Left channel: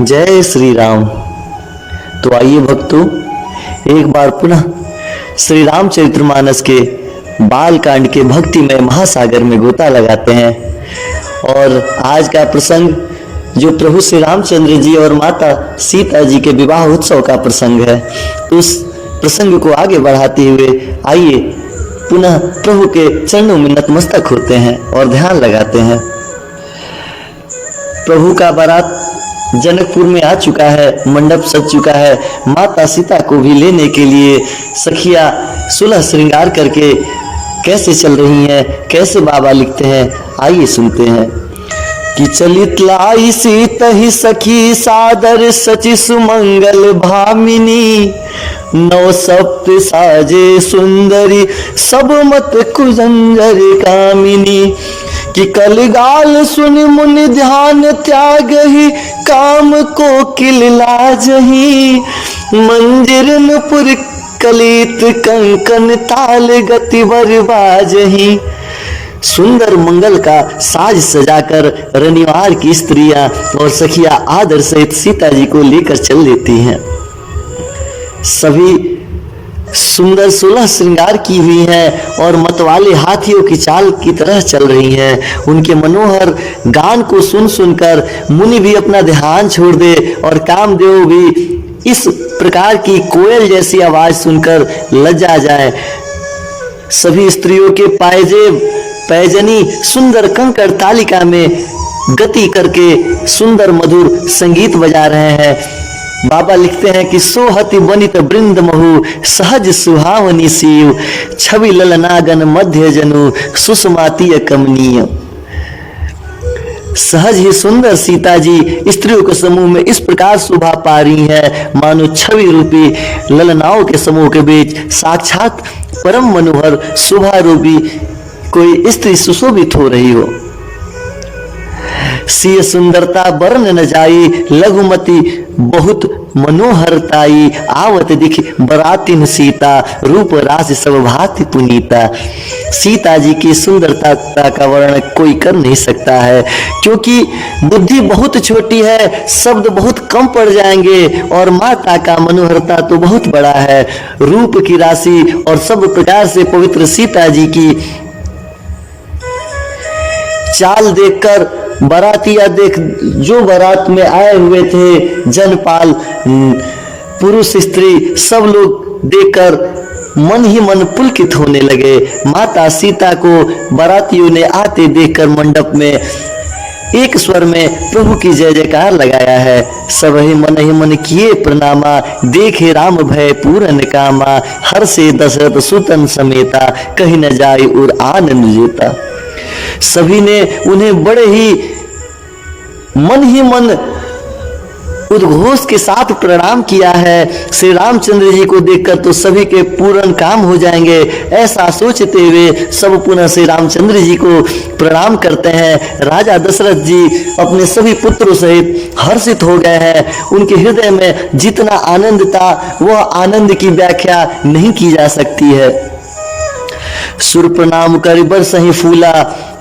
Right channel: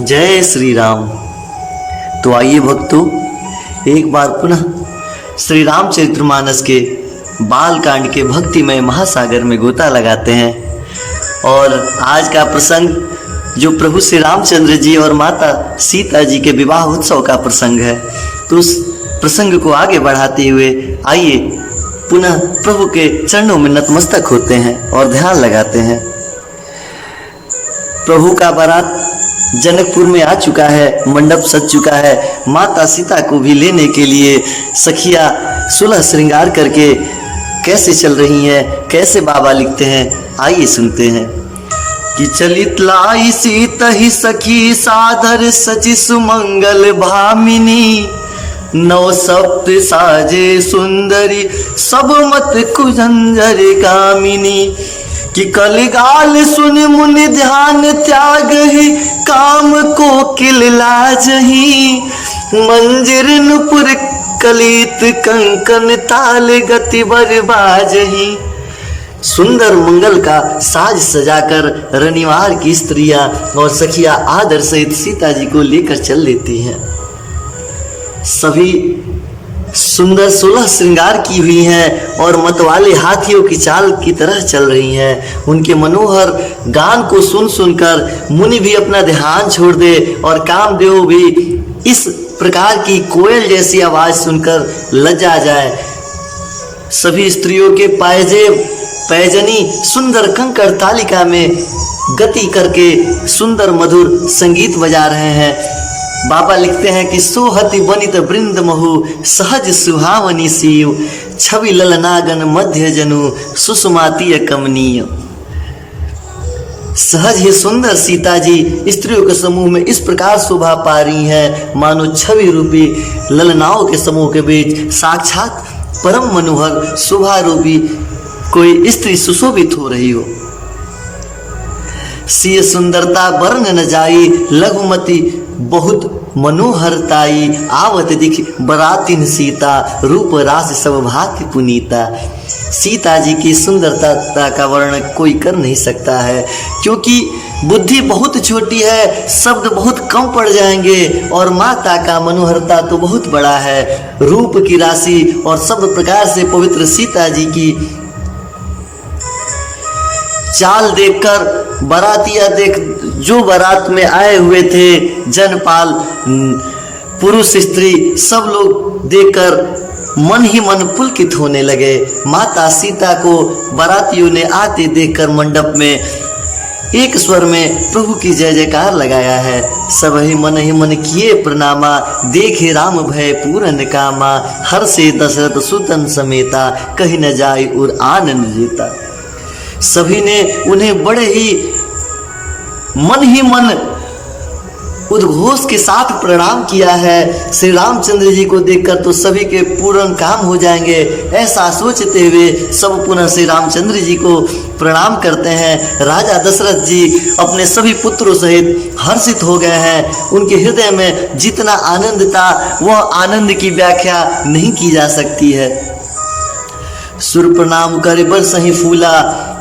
जय श्री राम। तो आइए भक्तों, एक बार पुनः श्री रामचरितमानस के बाल कांड के भक्तिमय महासागर में गोता लगाते हैं। और आज का प्रसंग जो प्रभु श्री रामचंद्र जी और माता सीता जी के विवाह उत्सव का प्रसंग है, तो उस प्रसंग को आगे बढ़ाते हुए आइए पुनः प्रभु के चरणों में नतमस्तक होते हैं और ध्यान लगाते हैं। प्रभु का बारात जनकपुर में आ चुका है, मंडप सज चुका है। माता सीता को भी लेने के लिए सखिया सुलह श्रृंगार करके कैसे चल रही हैं, कैसे बाबा लिखते हैं, आइए सुनते हैं। कि चलित लाई सीतहि सखी सादर सचि सुमंगल भामिनी, नौ सप्त साजे सुंदरी सब मत कुजंजर कामिनी। कि कलिगाल सुनि मुनि ध्यान त्याग ही, काम को किल लाजही। मंजिर नुपुर कलित कंकन ताल गति बर बाजही। सुंदर मंगल का साज सजाकर रनिवार की स्त्रियां और सखिया आदर सहित सीता जी को लेकर चल लेती हैं। सभी सुंदर सुलह श्रृंगार की हुई हैं और मतवाले हाथियों की चाल की तरह चल रही हैं। उनके मनोहर गान को सुन सुनकर मुनि भी अपना ध्यान छोड़ दे और कामदेव भी इस प्रकार की कोयल जैसी आवाज सुनकर लज्जा जाए। सभी स्त्रियों के पायजेब पैजनी सुंदर कंकड़ तालिका में गति करके सुंदर मधुर संगीत बजा रहे हैं। बाबा लिखते हैं कि सोहति बनित वृंद महु, सहज सुहावनी सीव। छवि ललनागन मध्य जनु, सुषमातीय कमनीय। सहज ही सुंदर सीता जी स्त्रियों के समूह में इस प्रकार शोभा पा रही हैं, मानो छवि रूपी ललनाओं के समूह के बीच साक्षात परम मनोहर शोभा रूपी कोई स्त्री सुशोभित हो रही हो। सिय सुंदरता वर्ण न जाई, लघुमती बहुत मनोहरताई। आवत दिख बरातिन सीता, रूप राशि सब भांति पुनीता। सीता जी की सुंदरता का वर्णन कोई कर नहीं सकता है, क्योंकि बुद्धि बहुत छोटी है, शब्द बहुत कम पड़ जाएंगे, और माता का मनोहरता तो बहुत बड़ा है। रूप की राशि और सब प्रकार से पवित्र सीता जी की चाल देखकर बारातिया देख जो बारात में आए हुए थे, जनपाल पुरुष स्त्री सब लोग देखकर मन ही मन पुलकित होने लगे। माता सीता को बारातियों ने आते देखकर मंडप में एक स्वर में प्रभु की जय जयकार लगाया है। सब ही मन किए प्रणामा, देखे राम भय पूरन कामा। हर से दशरथ सुतन समेता, कहीं न जाए और आनंद जेता। सभी ने उन्हें बड़े ही मन उद्घोष के साथ प्रणाम किया है। श्री रामचंद्र जी को देखकर तो सभी के पूर्ण काम हो जाएंगे, ऐसा सोचते हुए सब पुनः श्री रामचंद्र जी को प्रणाम करते हैं। राजा दशरथ जी अपने सभी पुत्रों सहित हर्षित हो गए हैं। उनके हृदय में जितना आनंद था वह आनंद की व्याख्या नहीं की जा सकती है। सुर प्रणाम कर बरसहि फूला,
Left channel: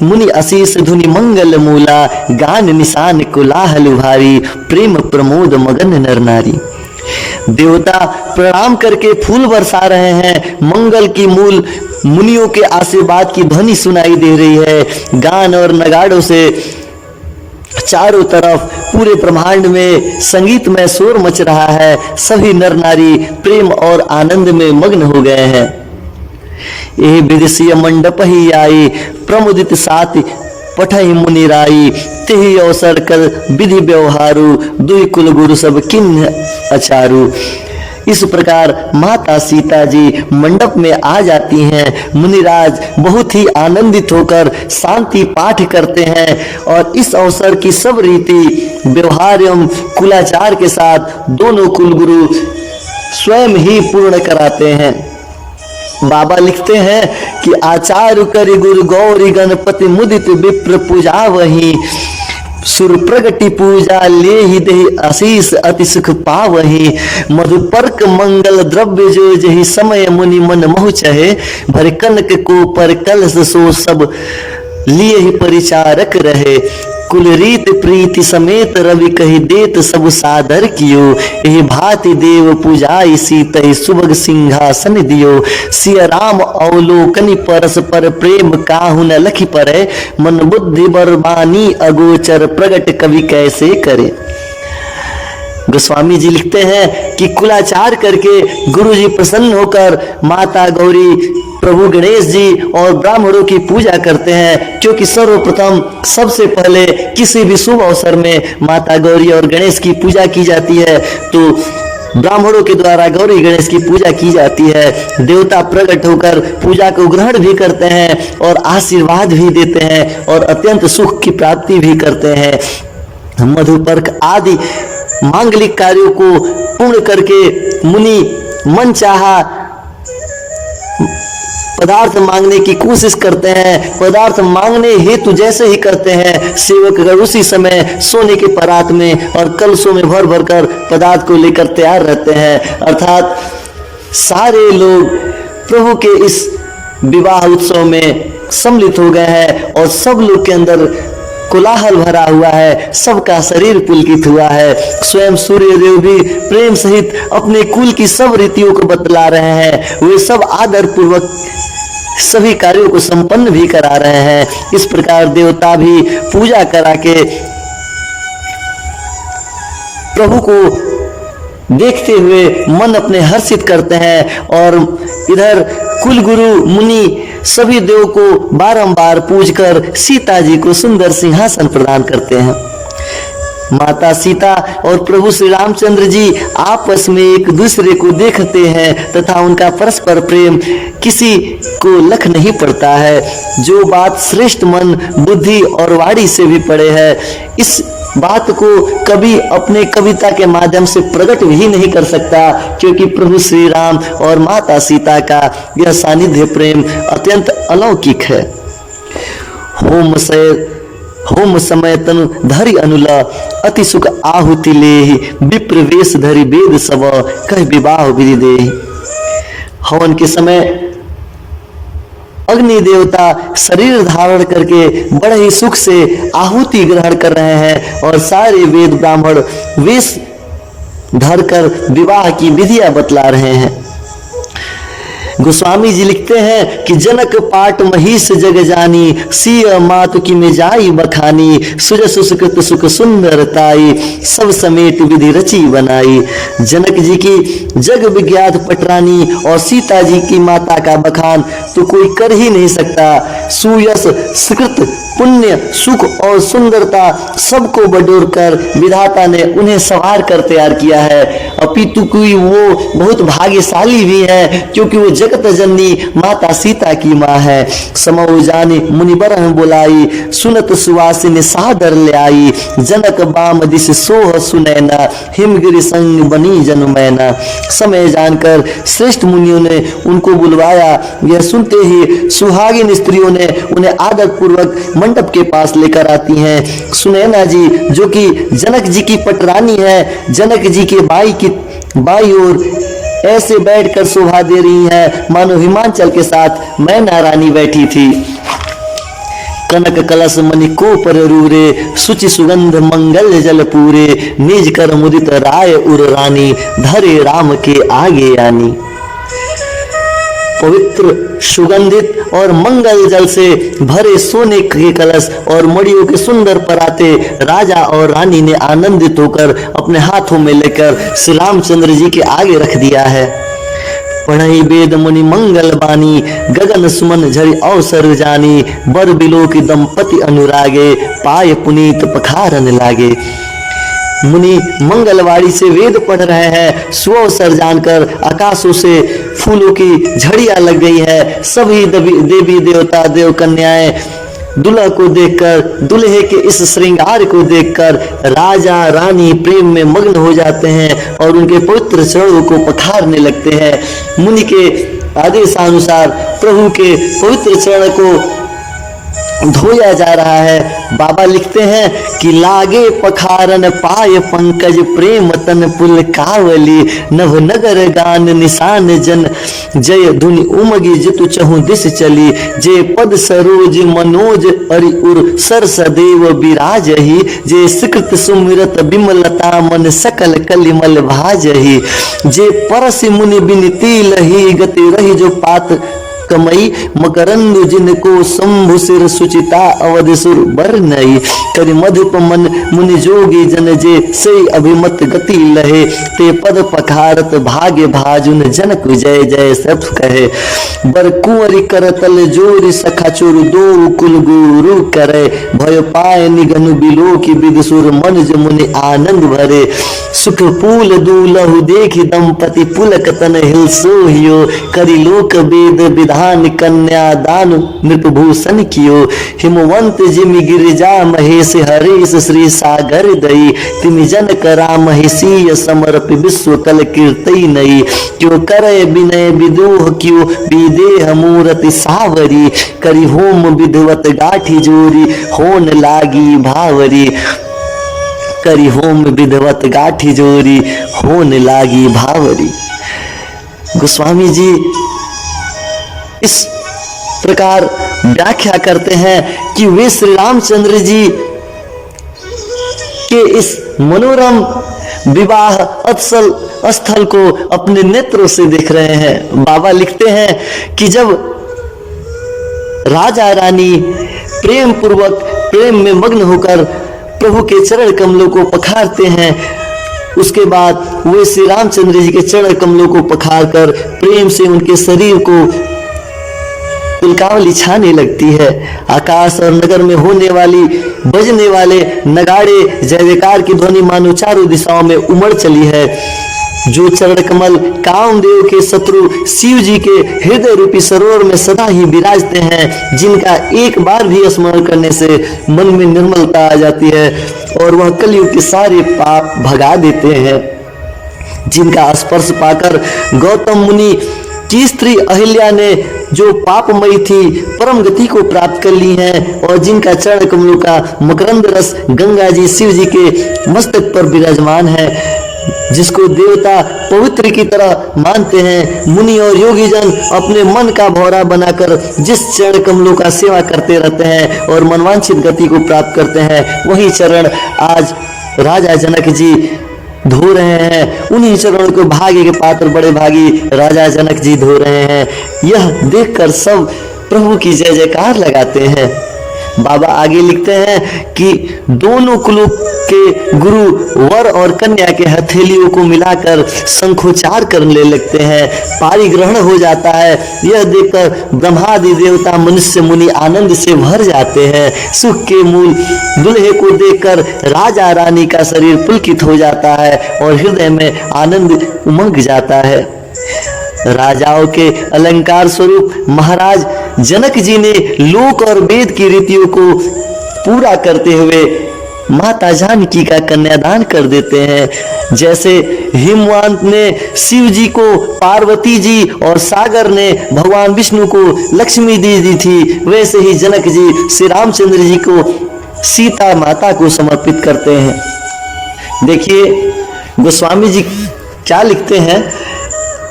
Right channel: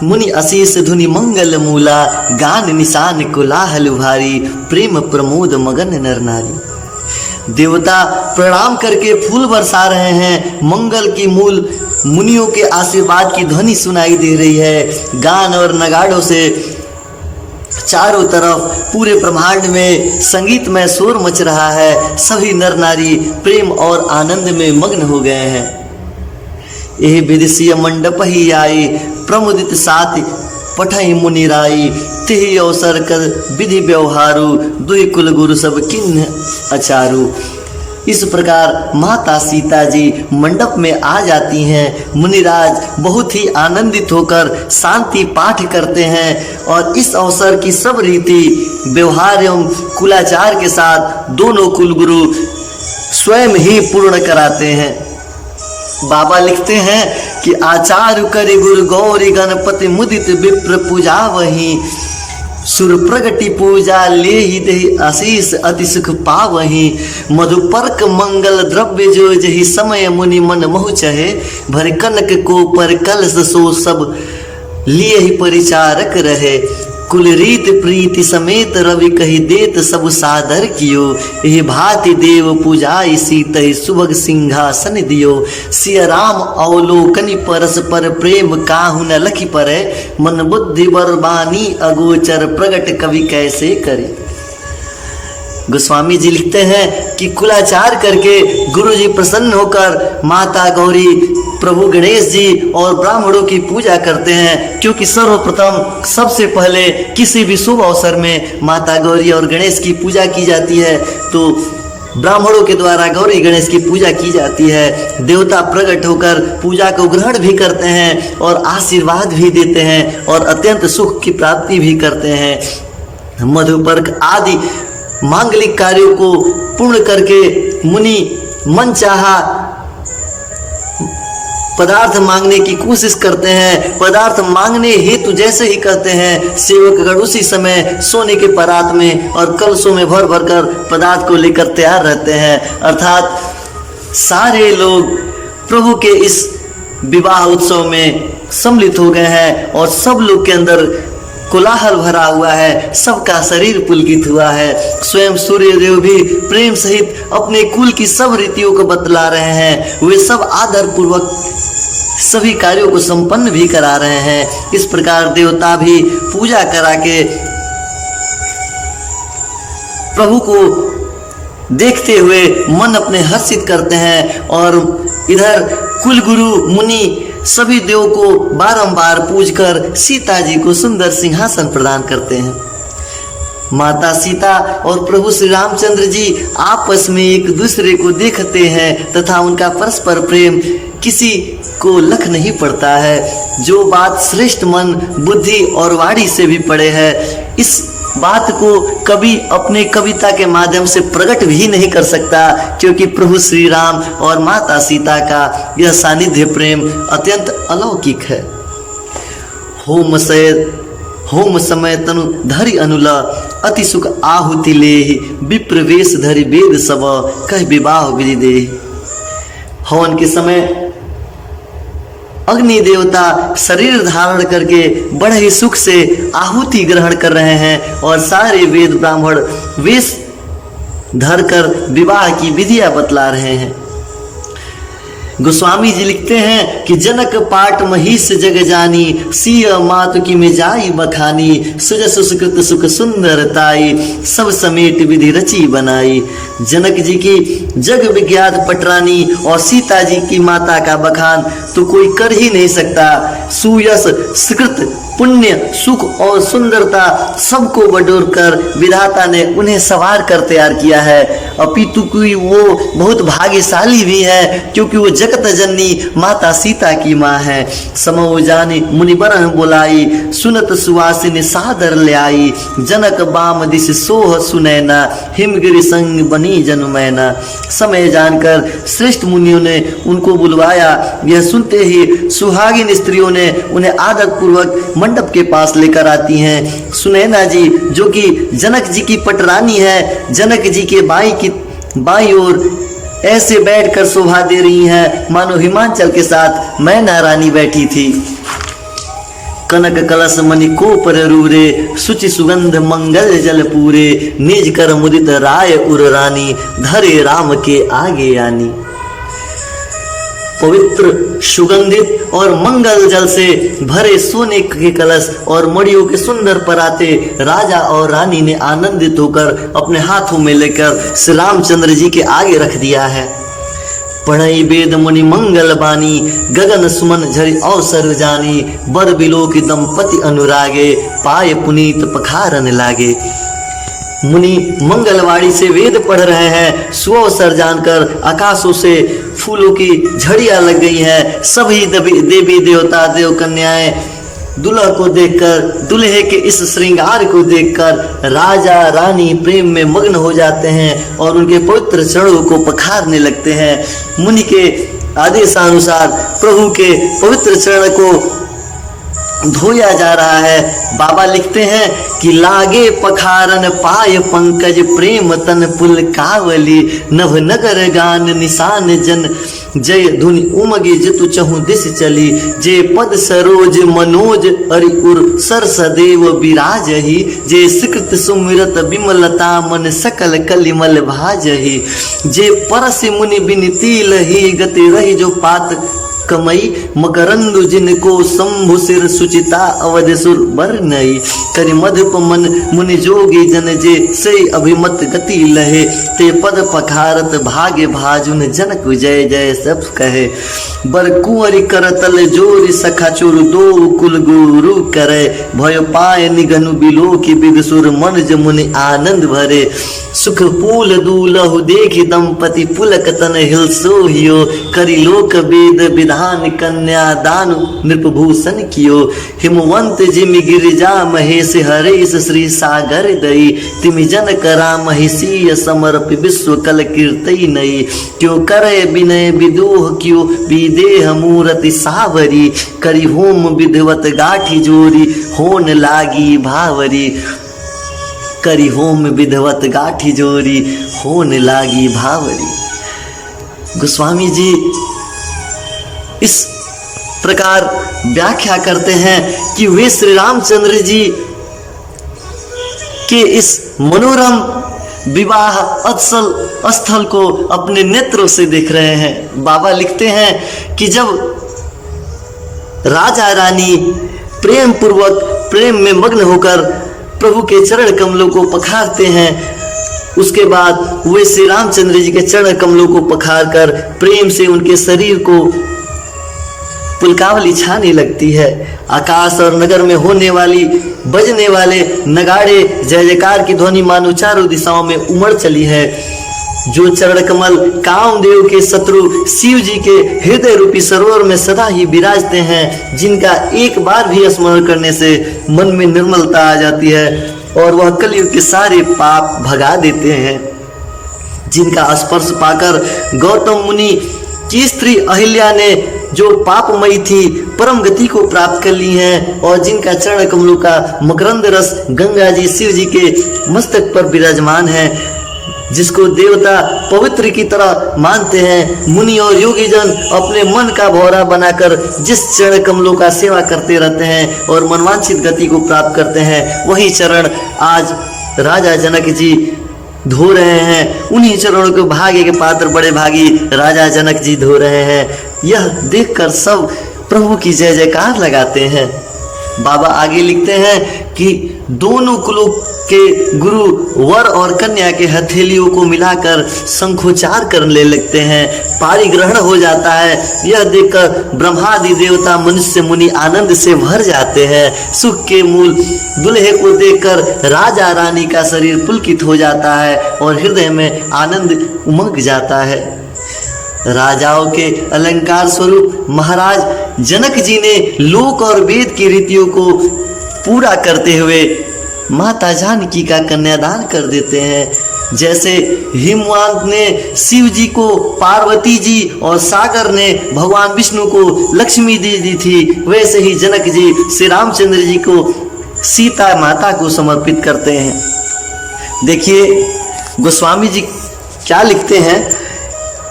मुनि आशीष धुनि मंगल मूला। गान निशान कोलाहल भारी, प्रेम प्रमोद मगन नर नारी। देवता प्रणाम करके फूल बरसा रहे हैं। मंगल की मूल मुनियों के आशीर्वाद की ध्वनि सुनाई दे रही है। गान और नगाड़ों से चारों तरफ पूरे ब्रह्मांड में संगीतमय शोर मच रहा है। सभी नर नारी प्रेम और आनंद में मग्न हो गए हैं। यही विदेशीय मंडप ही आई, प्रमुदित साथ पठई मुनिराई। तिहि अवसर कर विधि व्यवहारु, दुई कुल गुरु सब किन्ह अचारु। इस प्रकार माता सीता जी मंडप में आ जाती हैं। मुनिराज बहुत ही आनंदित होकर शांति पाठ करते हैं और इस अवसर की सब रीति व्यवहार एवं कुलाचार के साथ दोनों कुलगुरु स्वयं ही पूर्ण कराते हैं। बाबा लिखते हैं कि आचार्य करि गुरु गौरी गणपति मुदित विप्र पूजा वही। सुर प्रगति पूजा ले ही दे आशीष अति सुख पावही। मधुपर्क मंगल द्रव्य जो जही समय मुनि मन मोह चहे। भर कनक को पर कलश सो सब लिए ही परिचारक रहे। कुल रीत प्रीति समेत रवि कही देत सब सादर कियो। यही भांति देव पूजाई सीत सुभग सिंहासन दियो। सिया राम अवलोकनि परस्पर प्रेम काहु न लखि परे। मन बुद्धि बरबानी अगोचर प्रगट कवि कैसे करे। गोस्वामी जी लिखते हैं कि कुलाचार करके गुरु जी प्रसन्न होकर माता गौरी, प्रभु गणेश जी और ब्राह्मणों की पूजा करते हैं, क्योंकि सर्वप्रथम सबसे पहले किसी भी शुभ अवसर में माता गौरी और गणेश की पूजा की जाती है। तो ब्राह्मणों के द्वारा गौरी गणेश की पूजा की जाती है। देवता प्रकट होकर पूजा को ग्रहण भी करते हैं और आशीर्वाद भी देते हैं और अत्यंत सुख की प्राप्ति भी करते हैं। मधुपर्क आदि मांगलिक कार्यों को पूर्ण करके मुनि मन चाहा पदार्थ मांगने की कोशिश करते हैं। पदार्थ मांगने हेतु जैसे ही करते हैं, सेवकगण उसी समय सोने के परात में और कलशों में भर भर कर पदार्थ को लेकर तैयार रहते हैं। अर्थात सारे लोग प्रभु के इस विवाह उत्सव में सम्मिलित हो गए हैं और सब लोग के अंदर कोलाहल भरा हुआ है, सबका शरीर पुलकित हुआ है। स्वयं सूर्य देव भी प्रेम सहित अपने कुल की सब रीतियों को बतला रहे हैं। वे सब आदर पूर्वक सभी कार्यों को संपन्न भी करा रहे हैं। इस प्रकार देवता भी पूजा करा के प्रभु को देखते हुए मन अपने हर्षित करते हैं और इधर कुल गुरु मुनि सभी देव को बारंबार पूजकर सीता जी को सुंदर सिंहासन प्रदान करते हैं। माता सीता और प्रभु श्री रामचंद्र जी आपस में एक दूसरे को देखते हैं तथा उनका परस्पर प्रेम किसी को लख नहीं पड़ता है। जो बात श्रेष्ठ मन, बुद्धि और वाणी से भी पड़े है, इस बात को कभी अपने कविता के माध्यम से प्रकट भी नहीं कर सकता, क्योंकि प्रभु श्री राम और माता सीता का यह सानिध्य प्रेम अत्यंत अलौकिक है। होम समय तनु धरि अनुला अति सुख आहुति लेहि। विप्र वेश धरि वेद सब कह विवाह विधि दे। हवन के समय अग्नि देवता शरीर धारण करके बड़े ही सुख से आहुति ग्रहण कर रहे हैं और सारे वेद ब्राह्मण वेश धरकर विवाह की विधियां बतला रहे हैं। गोस्वामी जी लिखते हैं कि जनक पाट महिष जग जानी। सिय मातु की मिजाई बखानी। सुजस सुकृत सुख सुंदरताई। सब समेत विधि रची बनाई। जनक जी की जग विज्ञात पटरानी और सीता जी की माता का बखान तो कोई कर ही नहीं सकता। सुयस सुकृत पुण्य सुख और सुंदरता सबको बटोर कर विधाता ने उन्हें सवार कर तैयार किया है। अपितु कोई वो बहुत भाग्यशाली भी है, क्योंकि वो जगत जननी माता सीता की माँ है। समो जाने मुनिबर बोलाई। सुनत सुवासिनी सादर ले आई। जनक बाम दिश सोह सुनैना। हिमगिरि संग बनी जन्मैना। समय जानकर श्रेष्ठ मुनियों ने उनको बुलवाया। यह सुनते ही सुहागिन स्त्रियों ने उन्हें आदर पूर्वक मंडप के पास लेकर आती हैं। सुनैना जी जो कि जनक जी की पटरानी है, जनक जी के बाई ओर ऐसे बैठकर शोभा दे रही हैं मानो हिमाचल के साथ मैना रानी बैठी थी। कनक कलश मणि को पर रूरे। सुचि सुगंध मंगल जल पूरे। निज कर मुदित राय उर रानी। धरे राम के आगे आनी। पवित्र सुगंधित और मंगल जल से भरे सोने के कलश और मड़ियों के सुंदर पराते राजा और रानी ने आनंदित होकर अपने हाथों में लेकर श्री रामचंद्र जी के आगे रख दिया है। पढ़ई वेद मुनि मंगल बानी। गगन सुमन झरि अवसर जानी। बर बिलो की दंपति अनुरागे। पाय पुनीत पखारन लागे। मुनि मंगलवाड़ी से वेद पढ़ रहे हैं। सुअवसर जानकर आकाशों से फूलों की झड़ियां लग गई है। सभी देवी देवता देव कन्याएं दुल्हा को देखकर, दुल्हे के इस श्रृंगार को देखकर राजा रानी प्रेम में मग्न हो जाते हैं और उनके पवित्र चरणों को पखारने लगते हैं। मुनि के आदेशानुसार प्रभु के पवित्र चरण को धोया जा रहा है। बाबा लिखते हैं कि लागे पखारन पाय पंकज प्रेम तन पुल कावली नभ नगर गान निशान जन जय धुनि उमगी जितु चहु दिस चली जे पद सरोज मनोज अरि उर सर सदैव विराजही जे सिकृत सुमिरत बिमलता मन सकल कलिमल भाजही जे परसि मुनि बिनती लही गति रही जो पात कमई मकरंद जिनको शंभु सिर सुचिता अवध सुर बर नई करि मधुप मन मुनि जोगी जन जे से अभिमत गति लहे ते पद पखारत भाग्य भाजुन जनक जय जय सब कहे बर कुंवरी कर तल जोरी सखा चुर दो कुल गुरु करे भय पाए निगनु बिलो की विदुसुर मन जमुनि आनंद भरे सुख पूल दूलहु देखि दंपति पुलक तन हिल सोहियो करि लोक वेद विधान कन्या दान नृपभूषण कियो हिमवंत जिमि गिरिजा महेश हरेश श्री सागर दई तिमि जनक राम हिसीय समर्पि विश्व कल कीर्तई नई क्यों करे विनय विदोह क्यों विदेह मूर्ति सावरी करि होम विधवत गाठी जोरी होन लागी भावरी करि होम विधवत गाठी जोरी होन लागी भावरी। गोस्वामी जी इस प्रकार व्याख्या करते हैं कि वे श्री रामचंद्र जी के इस मनोरम विवाह अत्सल स्थल को अपने नेत्रों से देख रहे हैं। बाबा लिखते हैं कि जब राजा रानी प्रेम पूर्वक प्रेम में मग्न होकर प्रभु के चरण कमलों को पखारते हैं, उसके बाद वे श्री रामचंद्र जी के चरण कमलों को पखार कर प्रेम से उनके शरीर को पुलकावली छाने लगती है। आकाश और नगर में होने वाली बजने वाले नगाड़े जय जयकार की ध्वनि मानो चारों दिशाओं में उमड़ चली है। जो चरण कमल कामदेव के शत्रु शिव जी के हृदय रूपी सरोवर में सदा ही विराजते हैं, जिनका एक बार भी स्मरण करने से मन में निर्मलता आ जाती है और वह कलयुग के सारे पाप भगा देते हैं, जिनका स्पर्श पाकर गौतम मुनि की स्त्री अहिल्या ने जो पापमयी थी परम गति को प्राप्त कर ली है और जिनका चरण कमलों का मकरंद रस गंगा जी शिव जी के मस्तक पर विराजमान है, जिसको देवता पवित्र की तरह मानते हैं। मुनि और योगी जन अपने मन का भौरा बनाकर जिस चरण कमलों का सेवा करते रहते हैं और मनवांछित गति को प्राप्त करते हैं, वही चरण आज राजा जनक जी धो रहे हैं। उन्हीं चरणों के भाग्य के पात्र बड़े भागी राजा जनक जी धो रहे हैं। यह देखकर सब प्रभु की जय जयकार लगाते हैं। बाबा आगे लिखते हैं कि दोनों कुलों के गुरु वर और कन्या के हथेलियों को मिलाकर शंखोच्चार करने लगते हैं। पारी ग्रहण हो जाता है। यह देखकर ब्रह्मादि देवता मनुष्य मुनि आनंद से भर जाते हैं। सुख के मूल दुल्हे को देखकर राजा रानी का शरीर पुलकित हो जाता है और हृदय में आनंद उमंग जाता है। राजाओं के अलंकार स्वरूप महाराज जनक जी ने लोक और वेद की रीतियों को पूरा करते हुए माता जानकी का कन्यादान कर देते हैं। जैसे हिमवंत ने शिव जी को पार्वती जी और सागर ने भगवान विष्णु को लक्ष्मी दी थी, वैसे ही जनक जी श्री रामचंद्र जी को सीता माता को समर्पित करते हैं। देखिए गोस्वामी जी क्या लिखते हैं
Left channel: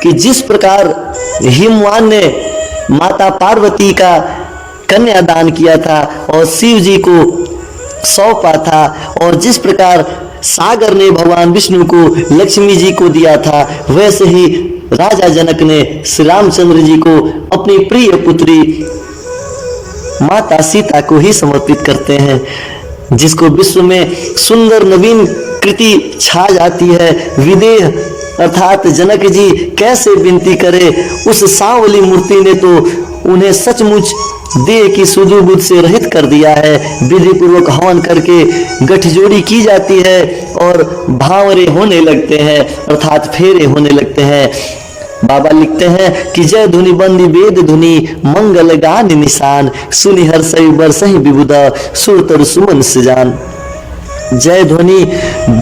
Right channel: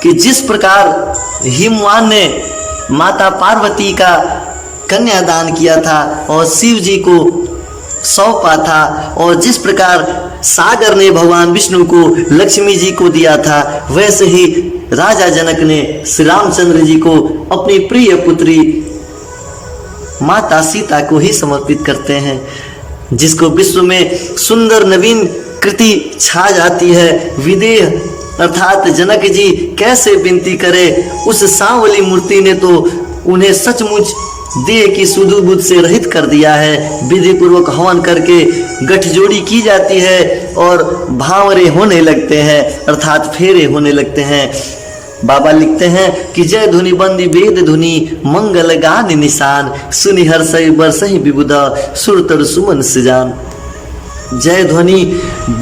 कि जिस प्रकार हिमवान ने माता पार्वती का कन्यादान किया था और शिव जी को सौंपा था, और जिस प्रकार सागर ने भगवान विष्णु को लक्ष्मी जी को दिया था, वैसे ही राजा जनक ने श्री रामचंद्र जी को अपनी प्रिय पुत्री माता सीता को ही समर्पित करते हैं, जिसको विश्व में सुंदर नवीन कृति छा जाती है। विदेह अर्थात जनक जी कैसे विनती करे, उस सांवली मूर्ति ने तो उन्हें सचमुच देह की सुधुबुध से रहित कर दिया है। विधि पूर्वक हवन करके गठजोड़ी की जाती है और भावरे होने लगते हैं, अर्थात फेरे होने लगते हैं। बाबा लिखते हैं कि जय धुनि बंदी वेद धुनि मंगल गान निशान सुनि हर्षई बरसहि विबुधा सुरतर सुमन सजान। जय ध्वनि,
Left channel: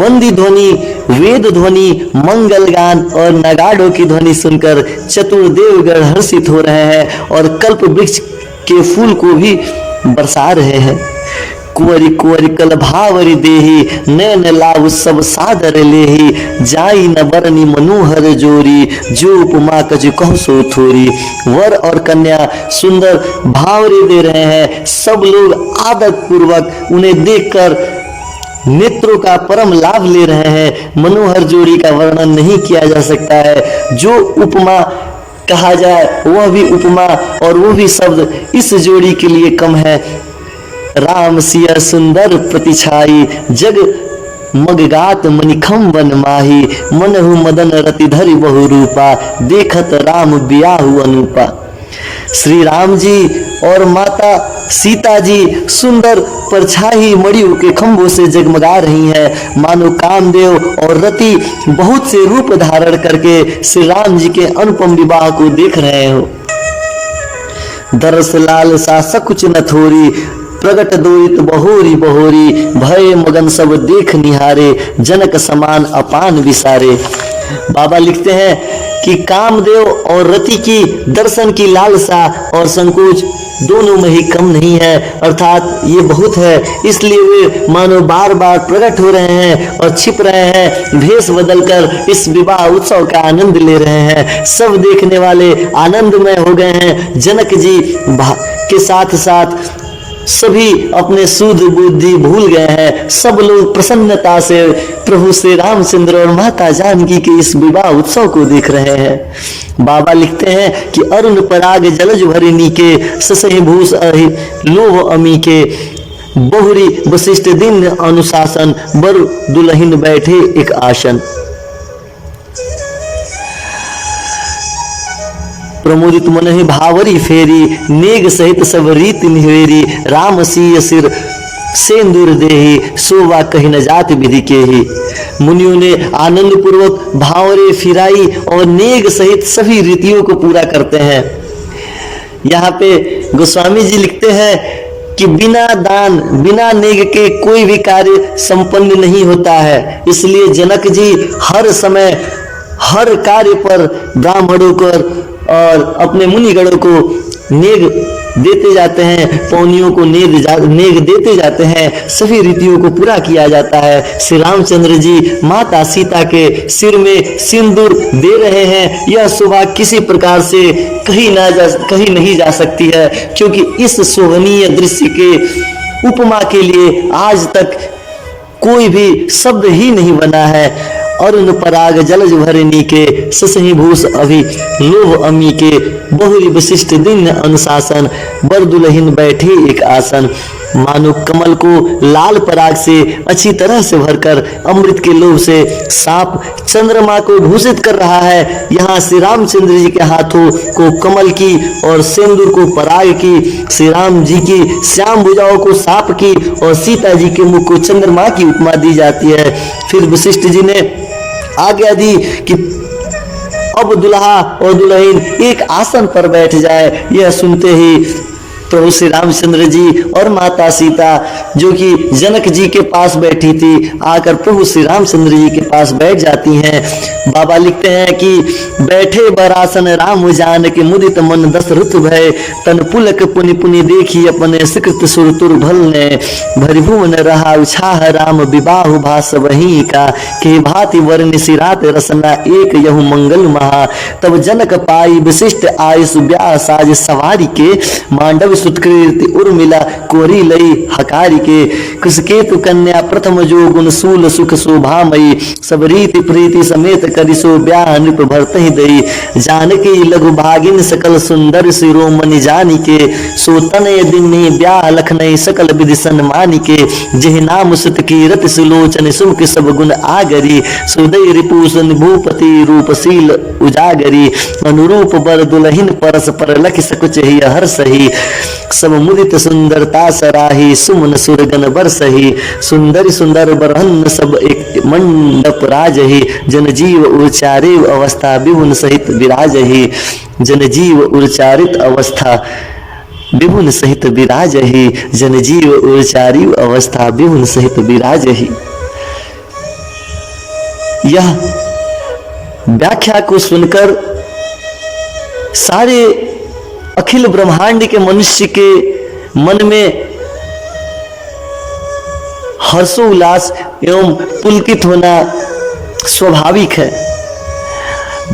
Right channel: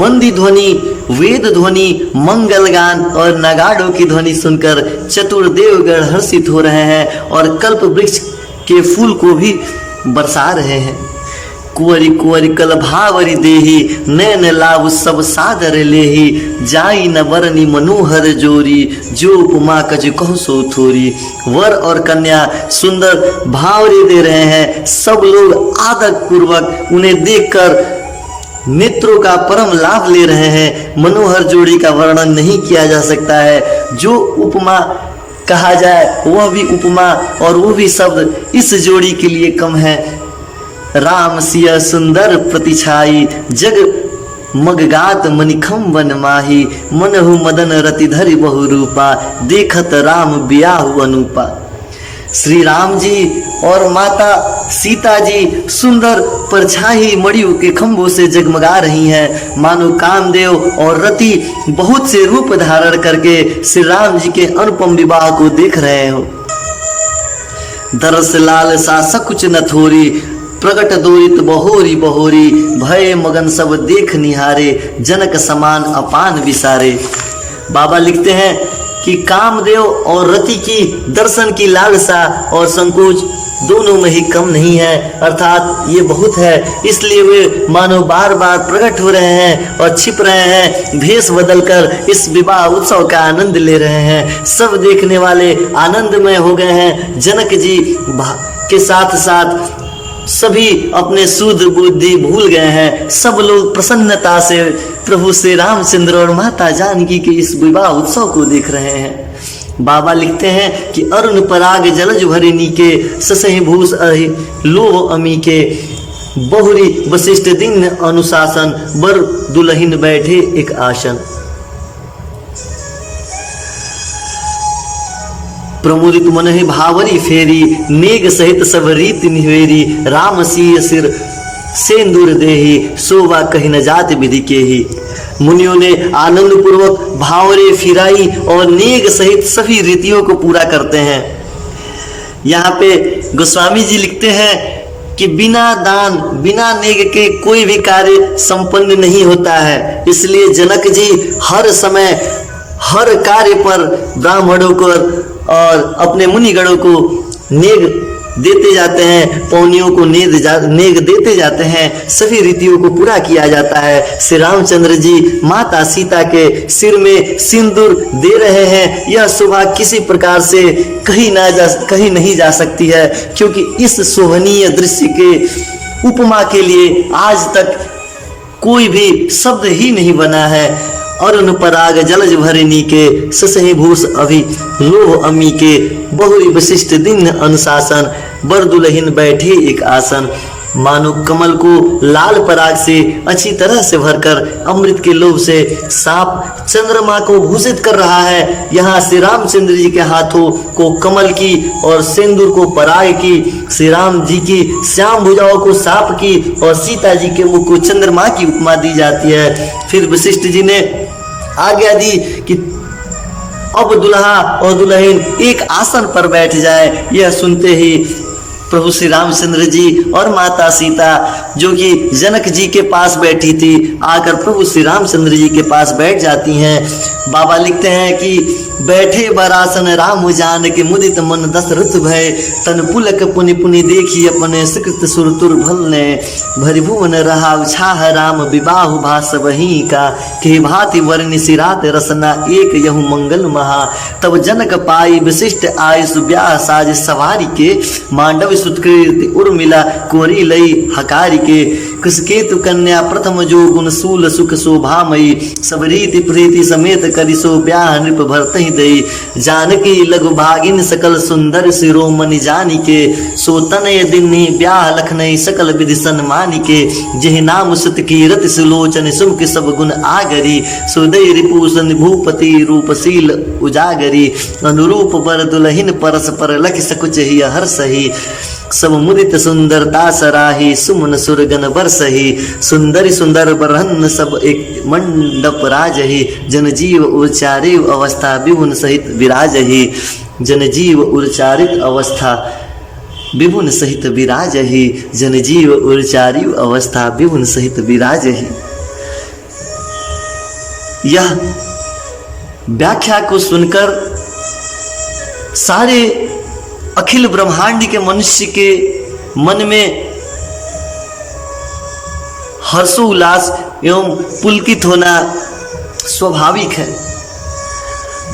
बंदी ध्वनि, वेद ध्वनि, मंगल गान और नगाड़ों की ध्वनि सुनकर चतुर देवगण हर्षित हो रहे हैं और कल्प वृक्ष के फूल को भी बरसा रहे हैं। कुंवरी कुंवरी कल भावरी देही, नैन लाभ सब सादर लेही, जाई न बरनी मनोहर जोरी, जो उपमा कज कहो सो थोरी। वर और कन्या सुंदर भावरी दे रहे हैं। सब लोग आदर पूर्वक उन्हें देखकर नेत्रों का परम लाभ ले रहे हैं। मनोहर जोड़ी का वर्णन नहीं किया जा सकता है। जो उपमा कहा जाए वह भी उपमा और वो भी शब्द इस जोड़ी के लिए कम है। राम सिय सुंदर प्रतिछाई, जग मगगात मनिखम वन माही, मनहु मदन रति धरि बहु रूपा, देखत राम बियाहु अनूपा। श्री राम जी और माता सीता जी सुंदर परछाई मड़ियों के खंभों से जगमगा रही हैं। मानो कामदेव और रति बहुत से रूप धारण करके श्री राम जी के अनुपम विवाह को देख रहे हो। दरस लाल सा सकुच न थोरी, प्रगट दोरित बहोरी बहोरी, भय मगन सब देख निहारे, जनक समान अपान विसारे। बाबा लिखते हैं कि कामदेव और रति की दर्शन की लालसा और संकोच दोनों में ही कम नहीं है, अर्थात ये बहुत है। इसलिए वे मानो बार बार प्रकट हो रहे हैं और छिप रहे हैं, भेष बदलकर इस विवाह उत्सव का आनंद ले रहे हैं। सब देखने वाले आनंदमय हो गए हैं। जनक जी के साथ साथ सभी अपने सूझ बुद्धि भूल गए हैं। सब लोग प्रसन्नता से प्रभु श्री रामचंद्र और माता जानकी के इस विवाह उत्सव को देख रहे हैं। बाबा लिखते हैं कि अरुण पराग जलज भरिनी के, ससहि भूष लोभ अमी के, बहुरी वशिष्ठ दिन अनुशासन, बर दुल्हिन बैठे एक आसन। प्रमुदित मन है भावरी फेरी, नेग सहित सब रीत निवेरी, राम सिय सिर सेंदूर देही, शोभा कही न जात विधि के ही। मुनियों ने आनंद पूर्वक भावरे फिराई और नेग सहित सभी रीतियों को पूरा करते हैं। यहाँ पे गोस्वामी जी लिखते हैं कि बिना दान बिना नेग के कोई भी कार्य संपन्न नहीं होता है। इसलिए जनक जी हर समय हर कार्य पर ब्राह्मणों को और अपने मुनिगणों को नेग देते जाते हैं, पौनियों को नेग देते जाते हैं। सभी रीतियों को पूरा किया जाता है। श्री रामचंद्र जी माता सीता के सिर में सिंदूर दे रहे हैं। यह शोभा किसी प्रकार से कहीं नहीं जा सकती है, क्योंकि इस शोभनीय दृश्य के उपमा के लिए आज तक कोई भी शब्द ही नहीं बना है। अरुण पराग जलज भरिनी के, ससहि भूष अभि लोभ अमी के, बहुरी वशिष्ठ दिन अनुशासन, बर दुल्हिन बैठे एक आसन। मानो कमल को लाल पराग से अच्छी तरह से भरकर अमृत के लोभ से सांप चंद्रमा को भूषित कर रहा है। यहाँ श्री रामचंद्र जी के हाथों को कमल की और सिंदूर को पराग की, श्री राम जी की श्याम भुजाओं को सांप की और सीता जी के मुख को चंद्रमा की उपमा दी जाती है। फिर वशिष्ठ जी ने आज्ञा दी कि अब दुल्हा और दुल्हन एक आसन पर बैठ जाए। यह सुनते ही प्रभु श्री रामचंद्र जी और माता सीता जो कि जनक जी के पास बैठी थी, आकर प्रभु श्री रामचंद्र जी के पास बैठ जाती हैं। बाबा लिखते हैं कि बैठे बरासन राम जान के, मुदित मन दशरथ भय, तन पुलक पुनि पुनि देखी अपने सुकृत सुरतुर भलने, भरिभुवन रहा उछाह राम विबाहु भास वही का, के भांति वर्ण सिरात रसना एक यहु मंगल महा। तब जनक पाई विशिष्ट आयुष ब्याह साज सवारी के, मांडव सुत्कृति उर्मिला कोरी लई हकारी के, कुसकेतु कन्या प्रथम जो गुण सूल सुख शोभामयी, सब रीति प्रीति समेत करि सो ब्याह नृप भरत ही दई, जानकी लघु भागिन सकल सुंदर शिरोमणि जानी के, सो तनय दिन्नी ब्याह लखनई सकल विधि सन्मानी के, जेह नाम सुत कीरत सुलोचन सुमुख सब गुण आगरी, सुदय रिपुसन भूपति रूपशील उजागरी, अनुरूप बर दुल्हिन परस पर लख सकुच ही हर सही, सब मुदित सुंदरता सराही, सुमन सुरगन बरसही, सुंदर सुंदर बरहन सब एक मंडप राजही, जनजीव उच्चारे अवस्था विभुन सहित विराजही, जनजीव उच्चारित अवस्था विभुन सहित विराजही, जनजीव उच्चारी अवस्था विभुन सहित विराजही। यह व्याख्या को सुनकर सारे अखिल ब्रह्मांड के मनुष्य के मन में हर्षोल्लास एवं पुलकित होना स्वाभाविक है।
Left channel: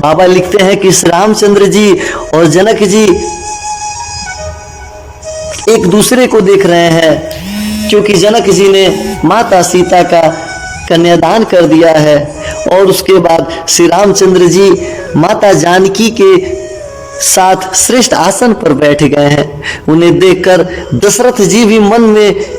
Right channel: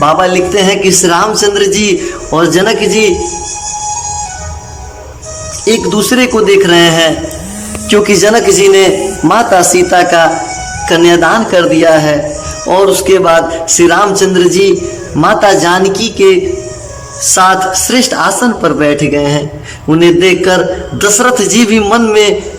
बाबा लिखते हैं कि श्री रामचंद्र जी और जनक जी एक दूसरे को देख रहे हैं, क्योंकि जनक जी ने माता सीता का कन्यादान कर दिया है और उसके बाद श्री रामचंद्र जी माता जानकी के साथ श्रेष्ठ आसन पर बैठ गए हैं। उन्हें देखकर दशरथ जी भी मन में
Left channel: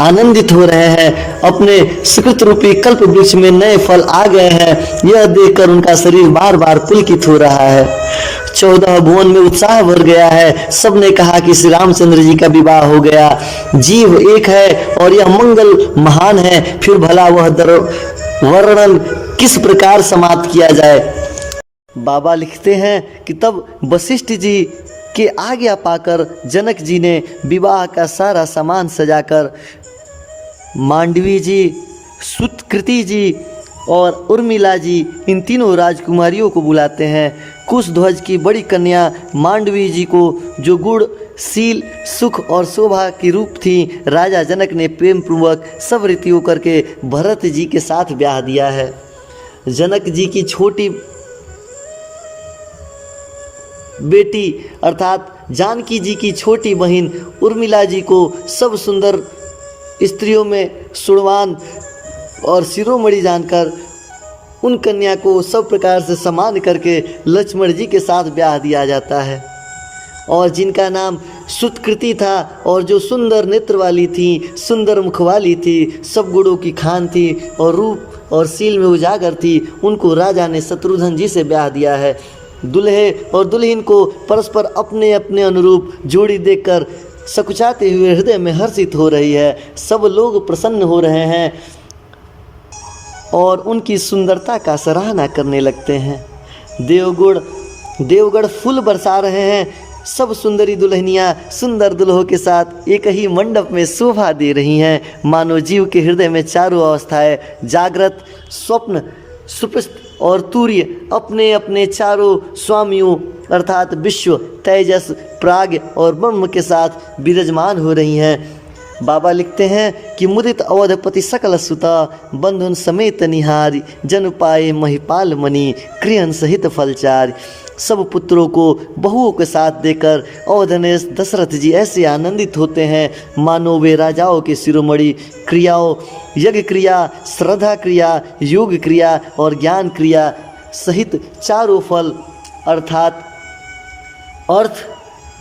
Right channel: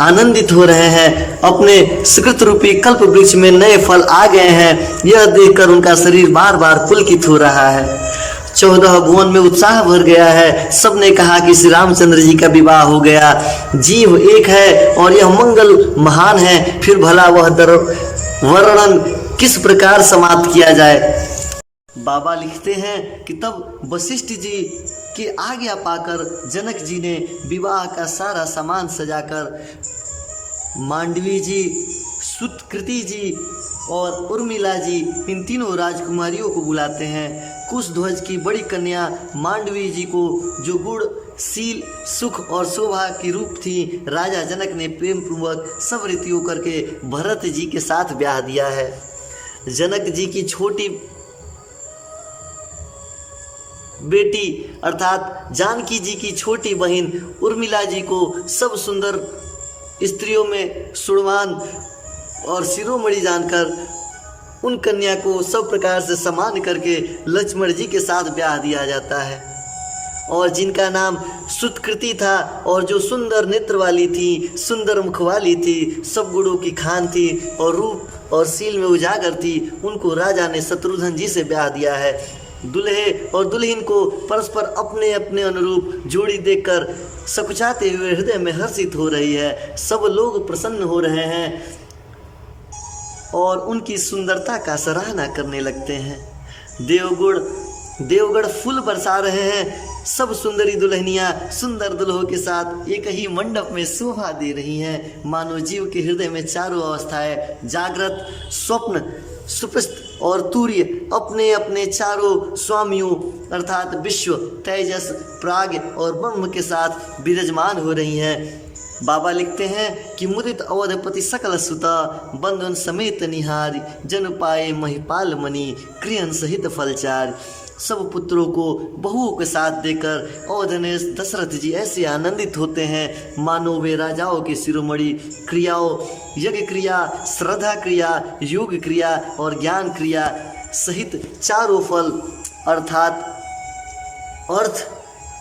आनंदित हो रहे हैं। अपने सुकृत रूपी कल्प वृक्ष में नए फल आ गए हैं, यह देखकर उनका शरीर बार बार पुलकित हो रहा है। 14 भुवन में उत्साह भर गया है। सबने कहा कि श्री रामचंद्र जी का विवाह हो गया। जीव एक है और यह मंगल महान है, फिर भला वह वर्णन किस प्रकार समाप्त किया जाए। बाबा लिखते हैं कि तब वशिष्ठ जी के आज्ञा पाकर जनक जी ने विवाह का सारा सामान सजाकर मांडवी जी, सुतकृति जी और उर्मिला जी, इन तीनों राजकुमारियों को बुलाते हैं। कुशध्वज की बड़ी कन्या मांडवी जी को, जो गुण, शील, सुख और शोभा की रूप थी, राजा जनक ने प्रेम पूर्वक सब रीतियों करके भरत जी के साथ ब्याह दिया है। जनक जी की छोटी बेटी अर्थात जानकी जी की छोटी बहन उर्मिला जी को सब सुंदर स्त्रियों में सुड़वान और शिरोमणि जानकर उन कन्या को सब प्रकार से समान करके लक्ष्मण जी के साथ ब्याह दिया जाता है। और जिनका नाम सुतकृति था और जो सुंदर नेत्र वाली थी, सुंदर मुख वाली थी, सब गुणों की खान थी और रूप और शील में उजागर थी, उनको राजा ने शत्रुघ्न जी से ब्याह दिया है। दुल्हे और दुल्हन को परस्पर अपने अपने अनुरूप जोड़ी देखकर सकुचाते हुए हृदय में हर्षित हो रही है। सब लोग प्रसन्न हो रहे हैं और उनकी सुंदरता का सराहना करने लगते हैं। देवगढ़ फूल बरसा रहे हैं। सब सुंदरी दुल्हनियां सुंदर दुल्हों के साथ एक ही मंडप में शोभा दे रही हैं। मानो जीव के हृदय में चारों अवस्थाएं, जागृत, स्वप्न, सुप्त और तूर्य, अपने अपने चारों स्वामियों अर्थात विश्व, तेजस, प्राग और ब्रह्म के साथ विराजमान हो रही हैं। बाबा लिखते हैं कि मुदित अवधपति सकल सुता, बंधुन समेत निहारी, जन पाए महिपाल मणि, कृहन सहित फलचारी। सब पुत्रों को बहुओं के साथ देकर अवधनेश दशरथ जी ऐसे आनंदित होते हैं मानो वे राजाओं के शिरोमणि। क्रियाओं, यज्ञ क्रिया, श्रद्धा क्रिया, योग क्रिया और ज्ञान क्रिया सहित चारों फल अर्थात अर्थ,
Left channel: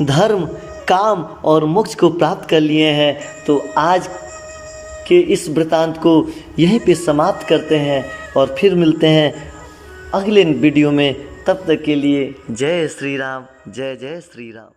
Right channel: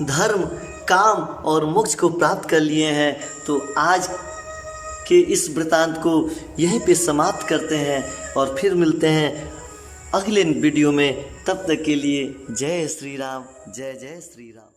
धर्म, काम और मोक्ष को प्राप्त कर लिए हैं। तो आज के इस वृतांत को यहीं पे समाप्त करते हैं और फिर मिलते हैं अगले वीडियो में। तब तक के लिए जय श्री राम, जय जय श्री राम।